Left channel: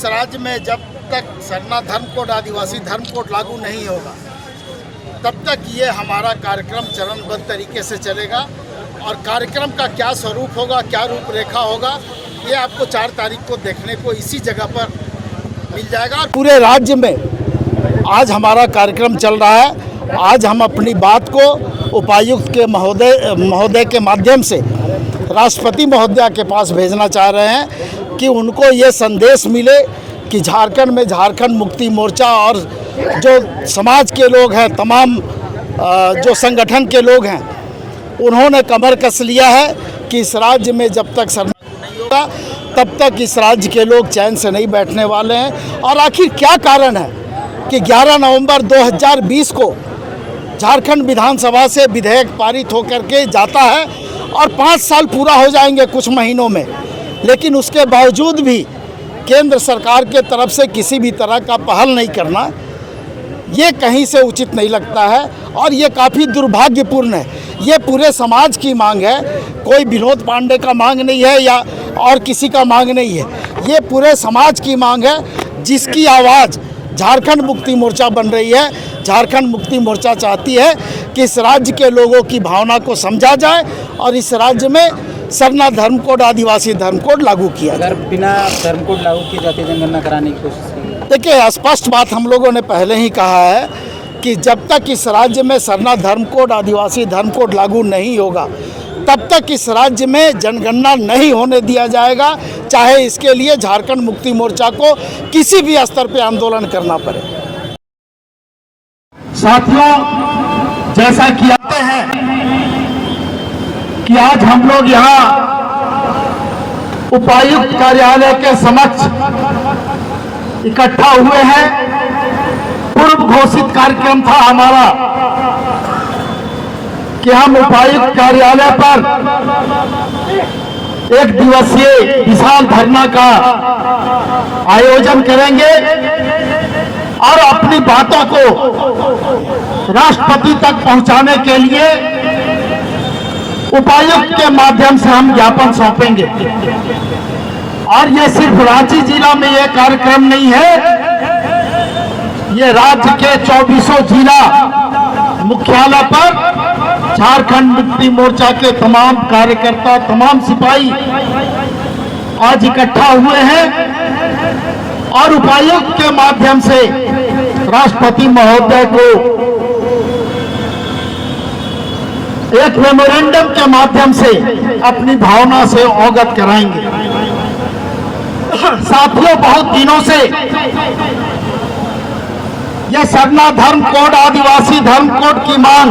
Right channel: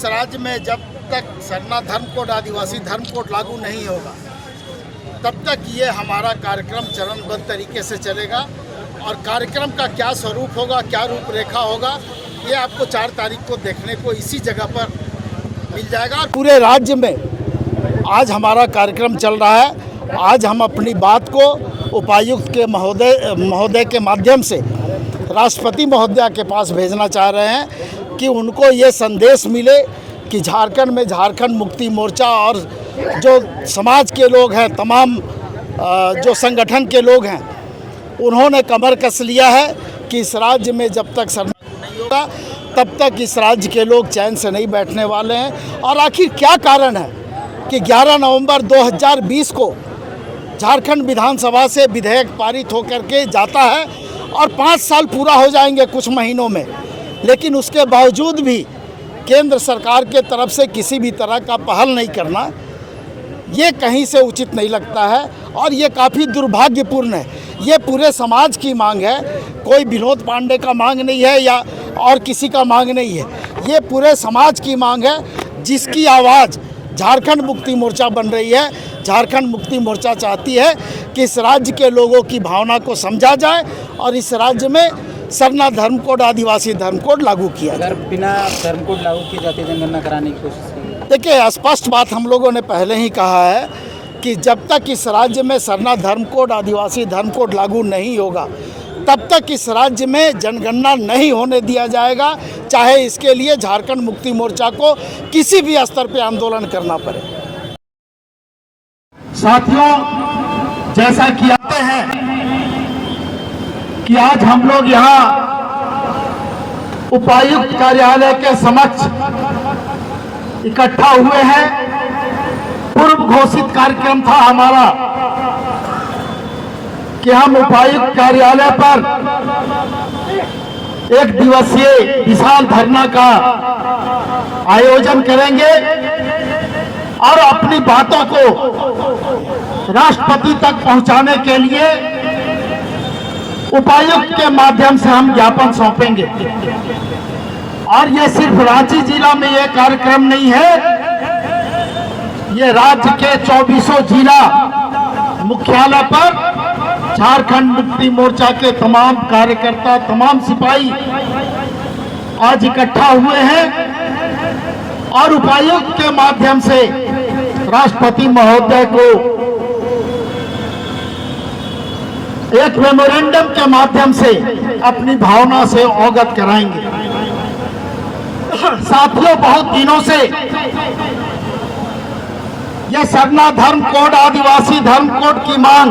इस राज्य में जब तक सरना धर्म कोड, आदिवासी धर्म कोड लागू नहीं होगा तब तक ये हमारा कार्यक्रम चरणबद्ध तरीके से चलेगा। और कार्यक्रम का क्या स्वरूप होगा, क्या रूपरेखा होगा, ये आपको 4 तारीख को देखने को इसी जगह पर मिल जाएगा। पूरे राज्य में आज हमारा कार्यक्रम चल रहा है। आज हम अपनी बात को उपायुक्त के महोदय के माध्यम से राष्ट्रपति महोदया के पास भेजना चाह रहे हैं कि उनको ये संदेश मिले कि झारखंड में झारखंड मुक्ति मोर्चा और जो समाज के लोग हैं, तमाम जो संगठन के लोग हैं, उन्होंने कमर कस लिया है कि इस राज्य में जब तक सरना नहीं होगा तब तक इस राज्य के लोग चैन से नहीं बैठने वाले हैं। और आखिर क्या कारण है कि 11 नवंबर 2020 को झारखंड विधानसभा से विधेयक पारित होकर के जाता है और 5 साल पूरा हो जाएंगे कुछ महीनों में, लेकिन उसके बावजूद भी केंद्र सरकार के तरफ से किसी भी तरह का पहल नहीं करना, ये कहीं से उचित नहीं लगता है और ये काफ़ी दुर्भाग्यपूर्ण है। ये पूरे समाज की मांग है, कोई विनोद पांडे का मांग नहीं है या और किसी का मांग नहीं है, ये पूरे समाज की मांग है जिसकी आवाज़ झारखंड मुक्ति मोर्चा बन रही है। झारखंड मुक्ति मोर्चा चाहती है कि इस राज्य के लोगों की भावना को समझा जाए और इस राज्य में सरना धर्म कोड, आदिवासी धर्म कोड लागू किया जाए। अगर बिना धर्म कोड लागू की जाती जनगणना कराने की कोशिश की? देखिए, स्पष्ट बात हम लोगों ने पहले ही कहा है कि जब तक इस राज्य में सरना धर्म कोड, आदिवासी धर्म कोड लागू नहीं होगा तब तक इस राज्य में जनगणना नहीं होने दिया जाएगा, चाहे इसके लिए झारखंड मुक्ति मोर्चा को किसी भी स्तर पर आंदोलन करना पड़े। साथियों, जैसा कि आते हैं कि आज हम लोग यहाँ उपायुक्त कार्यालय के समक्ष इकट्ठा हुए हैं। पूर्व घोषित कार्यक्रम था हमारा कि हम उपायुक्त कार्यालय पर 1 दिवसीय विशाल धरना का आयोजन करेंगे और अपनी बातों को राष्ट्रपति तक पहुंचाने के लिए उपायुक्त के माध्यम से हम ज्ञापन सौंपेंगे। और ये सिर्फ रांची जिला में ये कार्यक्रम नहीं है, ये राज्य के 24 जिला मुख्यालय पर झारखंड मुक्ति मोर्चा के तमाम कार्यकर्ता, तमाम सिपाही आज इकट्ठा हुए हैं और उपायुक्त के माध्यम से राष्ट्रपति महोदय को एक मेमोरेंडम के माध्यम से अपनी भावना से अवगत कराएंगे। साथियों, बहुत दिनों से यह सरना धर्म कोड, आदिवासी धर्म कोड की मांग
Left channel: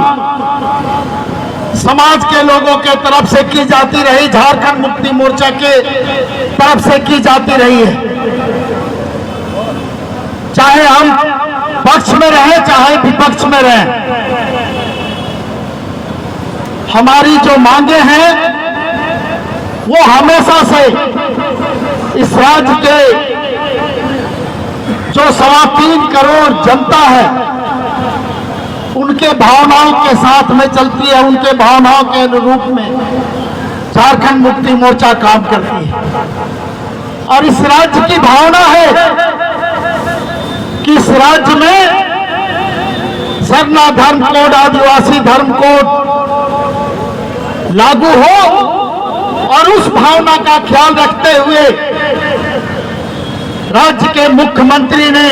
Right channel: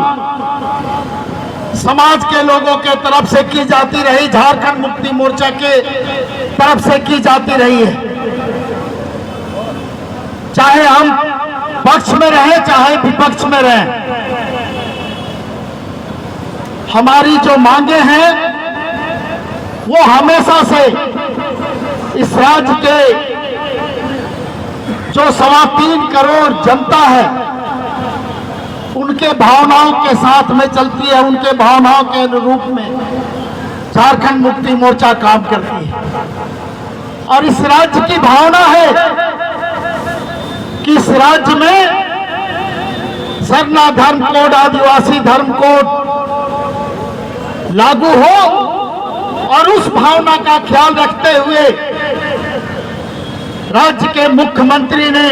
समाज के लोगों के तरफ से की जाती रही, झारखंड मुक्ति मोर्चा के तरफ से की जाती रही है। चाहे हम पक्ष में रहे, चाहे विपक्ष में रहे, हमारी जो मांगे हैं वो हमेशा से इस राज्य के जो 3.25 करोड़ जनता है उनके भावनाओं के साथ में चलती है, उनके भावनाओं के अनुरूप में झारखंड मुक्ति मोर्चा काम करती है। और इस राज्य की भावना है कि इस राज्य में सरना धर्म कोड, आदिवासी धर्म कोड लागू हो और उस भावना का ख्याल रखते हुए राज्य के मुख्यमंत्री ने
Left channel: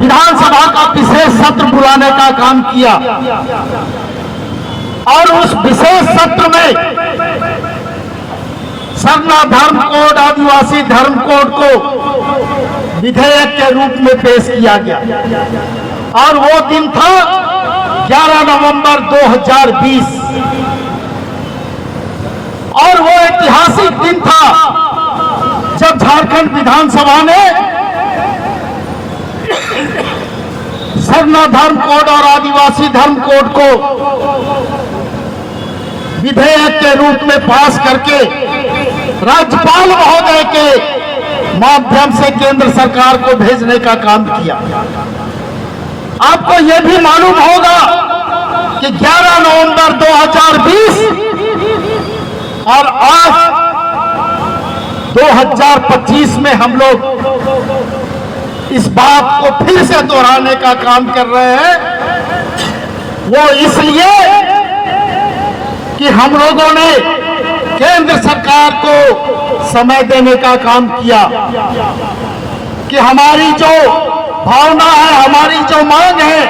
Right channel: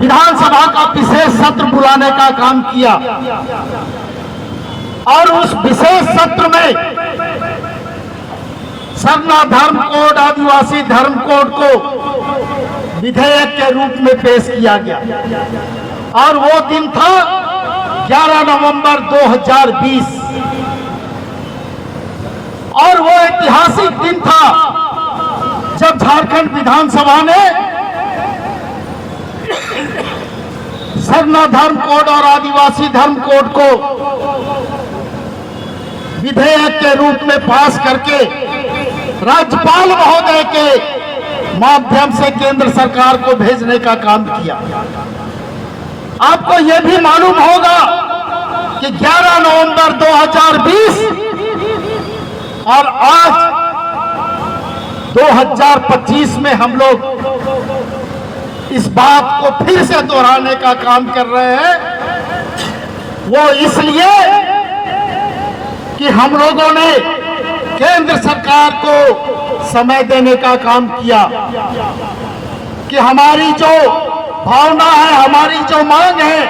विधानसभा का विशेष सत्र बुलाने का काम किया और उस विशेष सत्र में सरना धर्म कोड, आदिवासी धर्म कोड को विधेयक के रूप में पेश किया गया। और वो दिन था 11 नवंबर 2020 और वो ऐतिहासिक दिन था जब झारखंड विधानसभा ने सरना धर्म कोड और आदिवासी धर्म कोड को विधेयक के रूप में पास करके राज्यपाल महोदय के माध्यम से केंद्र सरकार को भेजने का काम किया। आपको यह भी मालूम होगा कि 11 नवंबर 2020 और आज 2025 में हम लोग इस बात को फिर से दोहराने का काम कर रहे हैं। वो इसलिए कि हम लोगों ने केंद्र सरकार को समय देने का काम किया कि हमारी जो भावना है, हमारी जो मांग है,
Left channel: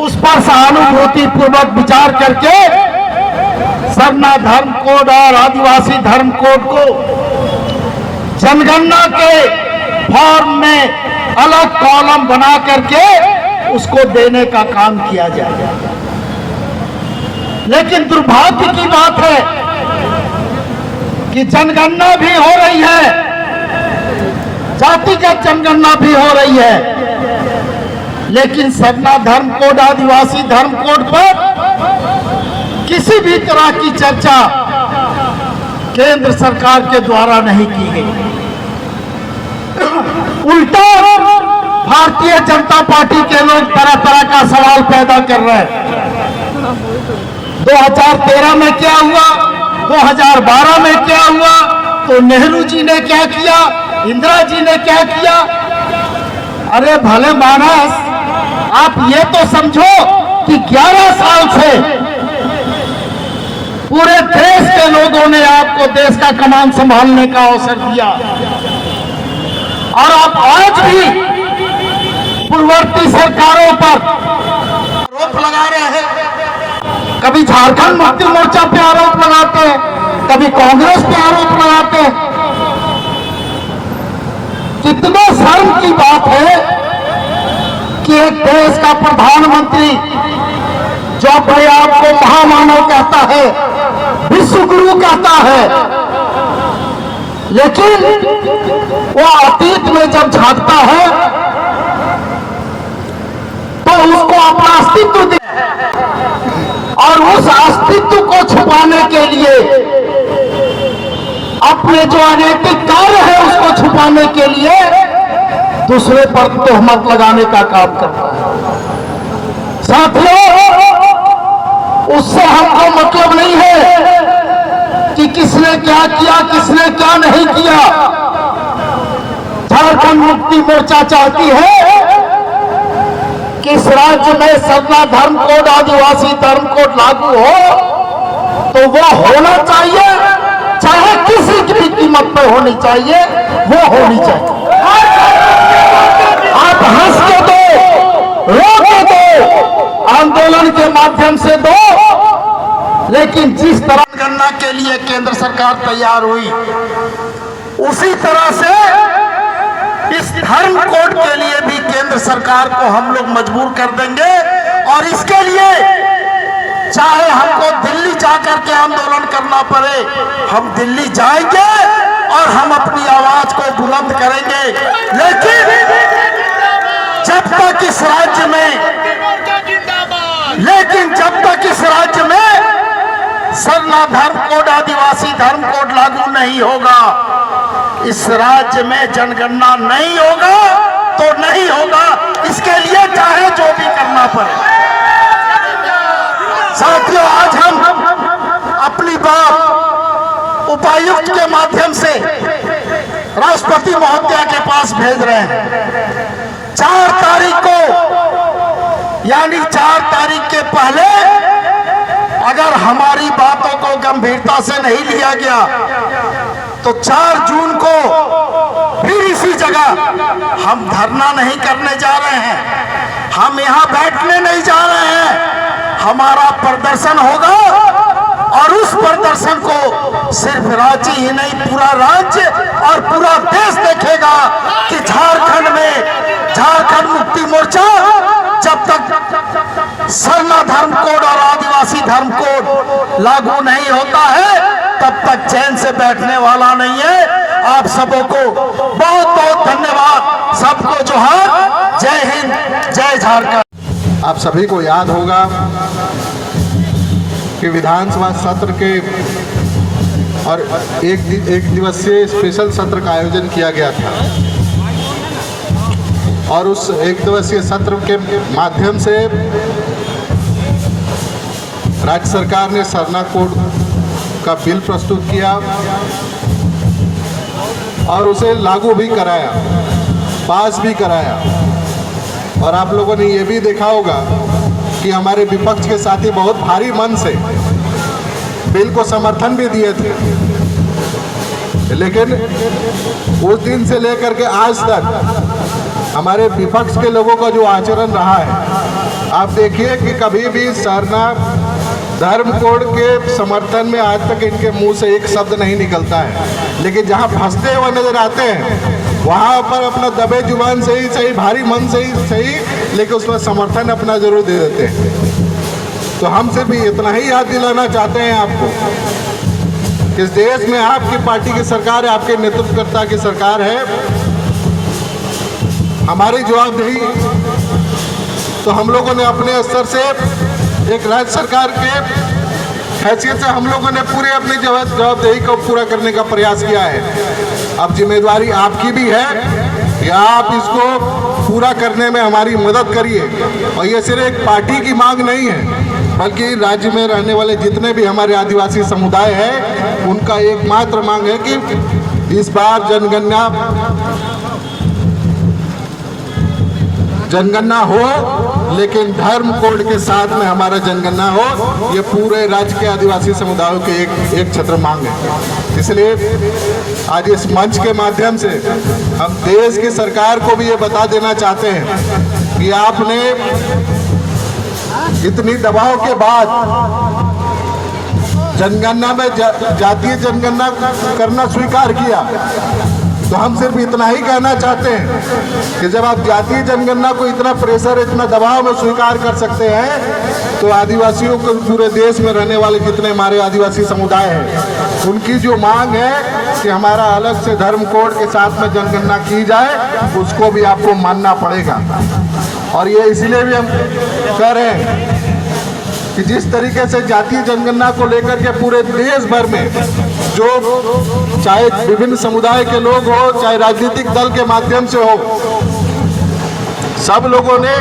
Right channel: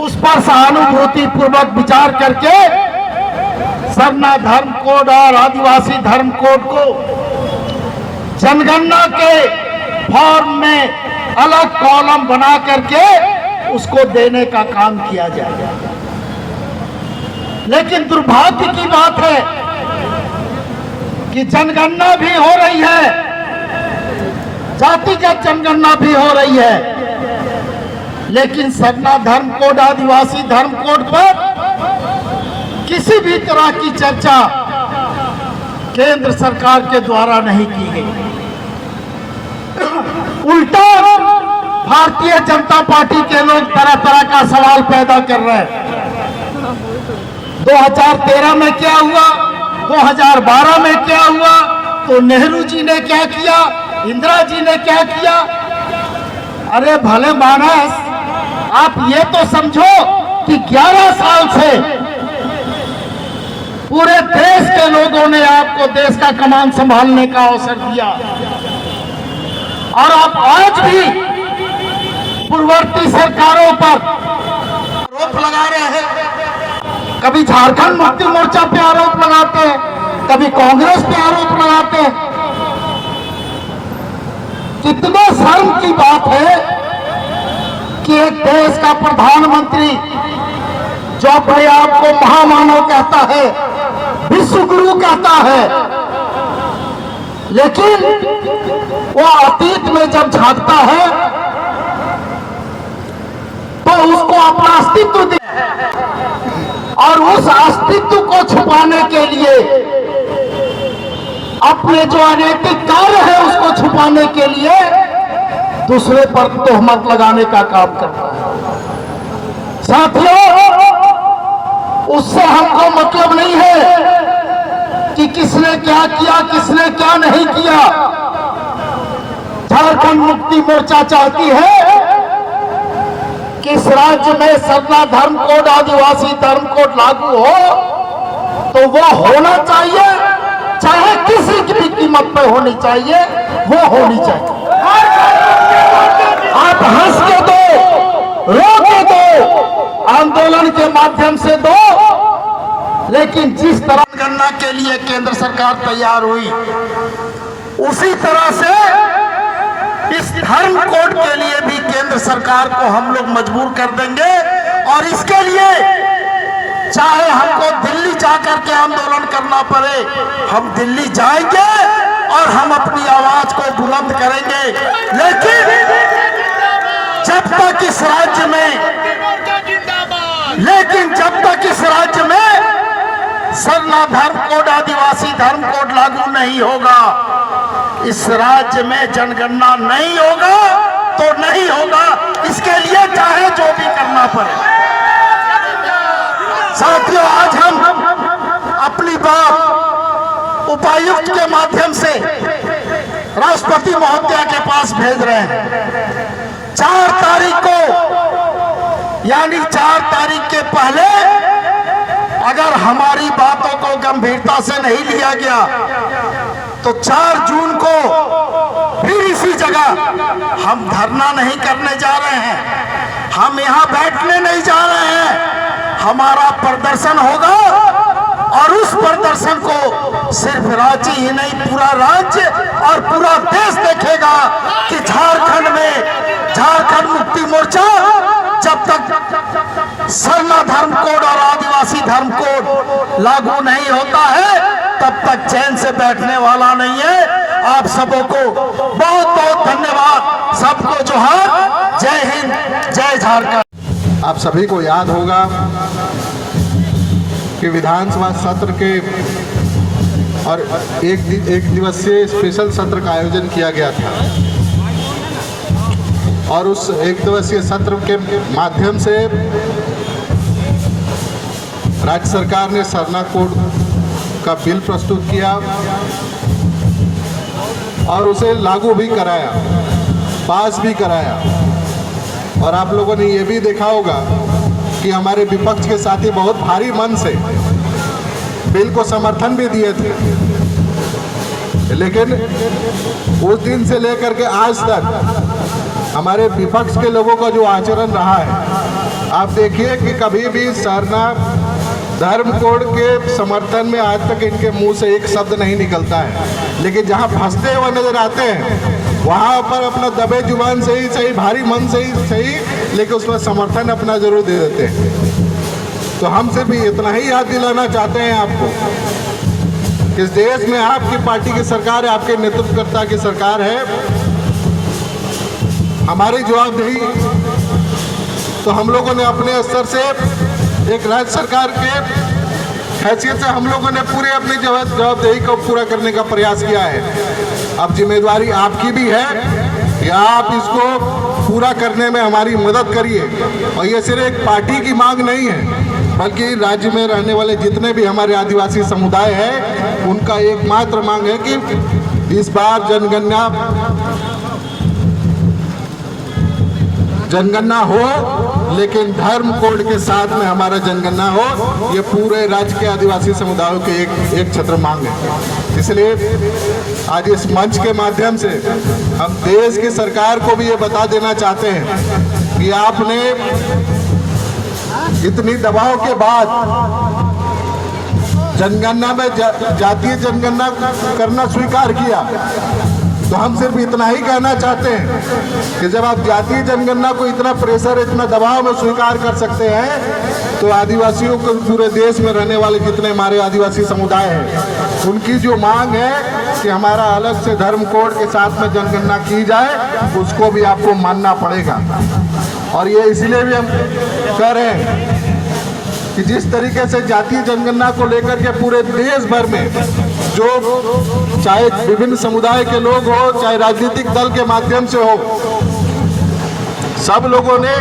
उस पर सहानुभूति पूर्वक विचार करके सरना धर्म कोड और आदिवासी धर्म कोड को जनगणना के फॉर्म में अलग कॉलम बना करके उसको देने का काम किया जाएगा। लेकिन दुर्भाग्य की बात है कि जनगणना भी हो रही है, जातिगत जनगणना भी हो रही है, लेकिन सरना धर्म कोड, आदिवासी धर्म कोड पर किसी भी तरह की चर्चा केंद्र सरकार के द्वारा नहीं की गई। उल्टा भारतीय जनता पार्टी के लोग तरह तरह का सवाल पैदा कर रहे हैं। 2013 में क्या हुआ, 2012 में क्या हुआ, तो नेहरू जी ने क्या किया, इंदिरा जी ने क्या किया। अरे भले मानस, आप ये तो समझो कि 11 साल से पूरे देश के लोगों ने आपको देश का कमान संभालने का अवसर दिया, और आप आज भी पूर्ववर्ती सरकारों पर आरोप लगा रहे हैं। कभी झारखंड मुक्ति मोर्चा पे आरोप लगाते हैं, कभी कांग्रेस पे आरोप लगाते हैं। कितने शर्म की बात है कि एक देश का प्रधानमंत्री जो अपने आप को महामानव कहता है, विश्व गुरु कहता है, लेकिन वो अतीत में जब झांकता है तो उसको अपना अस्तित्व दे, और उस अस्तित्व को छुपाने के लिए अपने जो अनैतिक कार्य है उसको छुपाने के लिए दूसरे पर तोहमत लगाने का काम करता है। साथियों, उससे हमको मतलब नहीं है कि किसने क्या किया, किसने क्या नहीं किया। झारखंड मुक्ति मोर्चा चाहती है कि इस राज्य में सरना धर्म कोड, आदिवासी धर्म कोड लागू हो, तो वो होना चाहिए, चाहे किसी की कीमत पर होनी चाहिए, वो होनी चाहिए। आप हंस के दो, रो के दो, आंदोलन के माध्यम से दो, लेकिन जिस तरह गणना के लिए केंद्र सरकार तैयार हुई, उसी तरह से इस धर्म कोड के लिए भी केंद्र सरकार को हम लोग मजबूर कर देंगे। और इसके लिए चाहे हमको दिल्ली जाकर के आंदोलन करना पड़े, हम दिल्ली जाएंगे और हम अपनी आवाज को बुलंद करेंगे। लेकिन जब तक इस राज्य में सरना धर्म कोड, आदिवासी धर्म कोड लागू नहीं होगा, इस राज्य में जनगणना नहीं होगा तो नहीं होगा। इसके लिए चाहे जो भी करना पड़े। साथियों, आज हम अपनी बात उपायुक्त के माध्यम से राष्ट्रपति महोदया के पास भेज रहे हैं। 4 तारीख को, यानी 4 तारीख के पहले अगर हमारी बातों को गंभीरता से नहीं लिया गया तो 4 जून को फिर इसी जगह हम धरना नहीं करने जा रहे हैं, हम यहाँ बैठने नहीं जा रहे हैं। हमारा प्रदर्शन होगा और उस प्रदर्शन को सिर्फ रांची ही नहीं, पूरा राज्य और पूरा देश देखेगा कि झारखंड में झारखंड मुक्ति मोर्चा जब तक सरना धर्म कोड और आदिवासी धर्म कोड लागू नहीं होता है तब तक चैन से बैठने वाला नहीं है। आप सबों को बहुत बहुत धन्यवाद। सबको जोहार। जय हिंद, जय झारखंड। आप सभी को याद होगा कि विधानसभा सत्र के और एक दिवसीय स्पेशल सत्र का आयोजन किया गया था, और उस एक दिवसीय सत्र के माध्यम से राज्य सरकार ने सरना कोड का बिल प्रस्तुत किया और उसे लागू भी कराया, पास भी कराया। और आप लोगों ने ये भी देखा होगा कि हमारे विपक्ष के साथी बहुत भारी मन से बिल को समर्थन भी दिए थे, लेकिन उस दिन से लेकर के आज तक हमारे विपक्ष के लोगों का जो आचरण रहा है, आप देखिए कि कभी भी सरनाथ धर्म कोड के समर्थन में आज तक इनके मुंह से एक शब्द नहीं निकलता है। लेकिन जहां फंसते हुए नजर आते हैं वहां पर अपना दबे जुबान से ही सही, भारी मन से ही सही, लेकिन उसमें समर्थन अपना जरूर दे देते हैं। तो हम सिर्फ इतना ही याद दिलाना चाहते हैं आपको, इस देश में आपकी पार्टी की सरकार है, आपके नेतृत्वकर्ता की सरकार है। हमारी जवाबदेही तो हम लोगों ने अपने स्तर से एक राज्य सरकार के हैसियत से हम लोगों ने पूरी अपनी जवाबदेही को पूरा करने का प्रयास किया है। अब जिम्मेदारी आपकी भी है कि आप इसको पूरा करने में हमारी मदद करिए। और ये सिर्फ एक पार्टी की मांग नहीं है, बल्कि राज्य में रहने वाले जितने भी हमारे आदिवासी समुदाय हैं उनका एकमात्र मांग है कि इस बार जनगणना हो, लेकिन धर्म कोड के साथ में हमारा जनगणना हो। ये पूरे राज्य के आदिवासी समुदायों के एक छत्र मांग है। इसलिए आज इस मंच के माध्यम से हम देश की सरकार को भी ये बता देना चाहते हैं कि आपने इतनी दबाव के बाद जनगणना में जातीय जनगणना करना स्वीकार किया, तो हम सिर्फ इतना ही कहना चाहते हैं कि जब आप जातीय जनगणना को इतना प्रेशर, इतना दबाव में स्वीकार कर सकते हैं, तो आदिवासियों को पूरे देश में रहने वाले जितने हमारे आदिवासी समुदाय हैं उनकी जो मांग है कि हमारा अलग से धर्म कोड के साथ में जनगणना की जाए, उसको भी आपको मानना पड़ेगा। और ये इसलिए भी हम कह रहे हैं कि जिस तरीके से जातीय जनगणना को लेकर के पूरे देश भर में जो चाहे विभिन्न समुदाय के लोग हो, चाहे राजनीतिक दल के माध्यम से हो, सब लोगों ने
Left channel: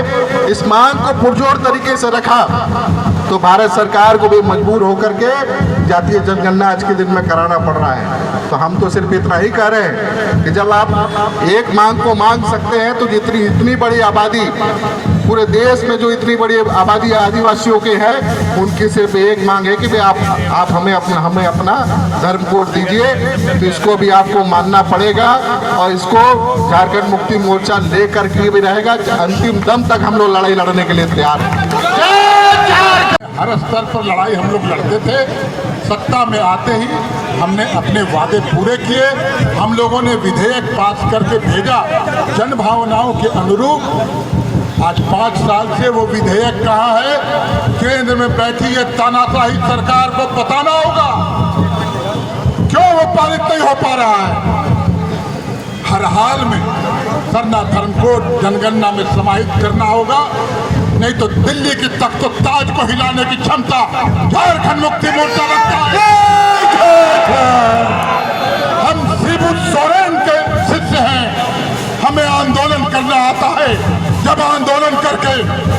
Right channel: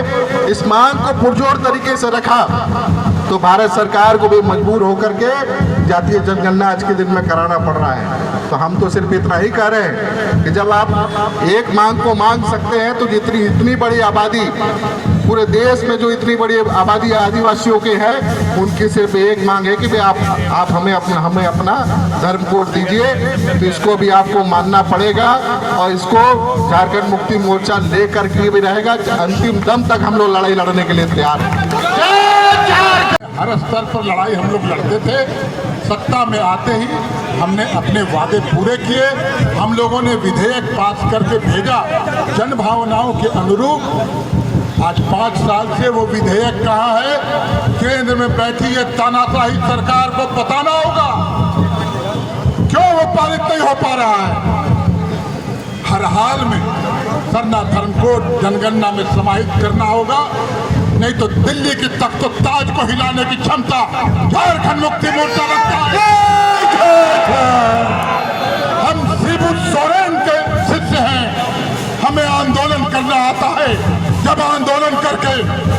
इस मांग को पुरजोर तरीके से रखा, तो भारत सरकार को भी मजबूर होकर के जातीय जनगणना आज के दिन में कराना पड़ रहा है। तो हम तो सिर्फ इतना ही कह रहे हैं कि जब आप एक मांग को मांग सकते हैं, तो इतनी बड़ी आबादी पूरे देश में जो इतनी बड़ी आबादी आदिवासियों के है, उनकी सिर्फ एक मांग है कि आप हमें अपना धर्म कोड दीजिए। तो इसको भी आपको मानना पड़ेगा और इसको झारखंड मुक्ति मोर्चा लेकर के भी रहेगा। अंतिम दम तक हम लोग लड़ाई लड़ने के लिए तैयार हैं। हर स्तर पर लड़ाई हम लोग लड़ते थे। सत्ता में आते ही हमने अपने वादे पूरे किए। हम लोगों ने विधेयक पास करके भेजा जन भावनाओं के अनुरूप। आज 5 साल से वो विधेयक कहाँ है? केंद्र में बैठी है तानाशाही सरकार को बताना होगा क्यों वो पारित नहीं हो पा रहा है। हर हाल में सरनाथ धर्म कोड जनगणना में समाहित करना होगा, नहीं तो दिल्ली की तख्त ताज को हिलाने की क्षमता झारखंड मुक्ति मोर्चा रखता है। हम शिबू सोरेन के शिष्य हैं, हमें आंदोलन करना आता है। जब आंदोलन करके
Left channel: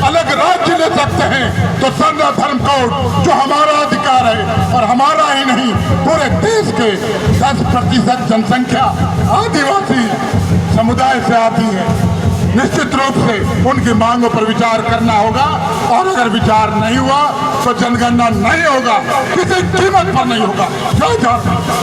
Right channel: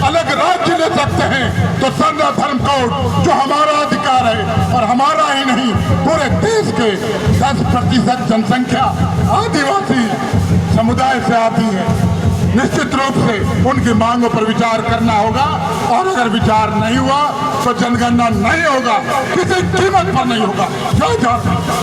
अलग राज्य ले सकते हैं, तो सरनाथ धर्म कोड जो हमारा अधिकार है और हमारा ही नहीं पूरे देश के 10% जनसंख्या आदिवासी समुदाय से आती है। निश्चित रूप से उनकी मांगों पर विचार करना होगा, और अगर विचार नहीं हुआ तो जनगणना नहीं होगा, किसी कीमत पर नहीं होगा। जय झारखंड।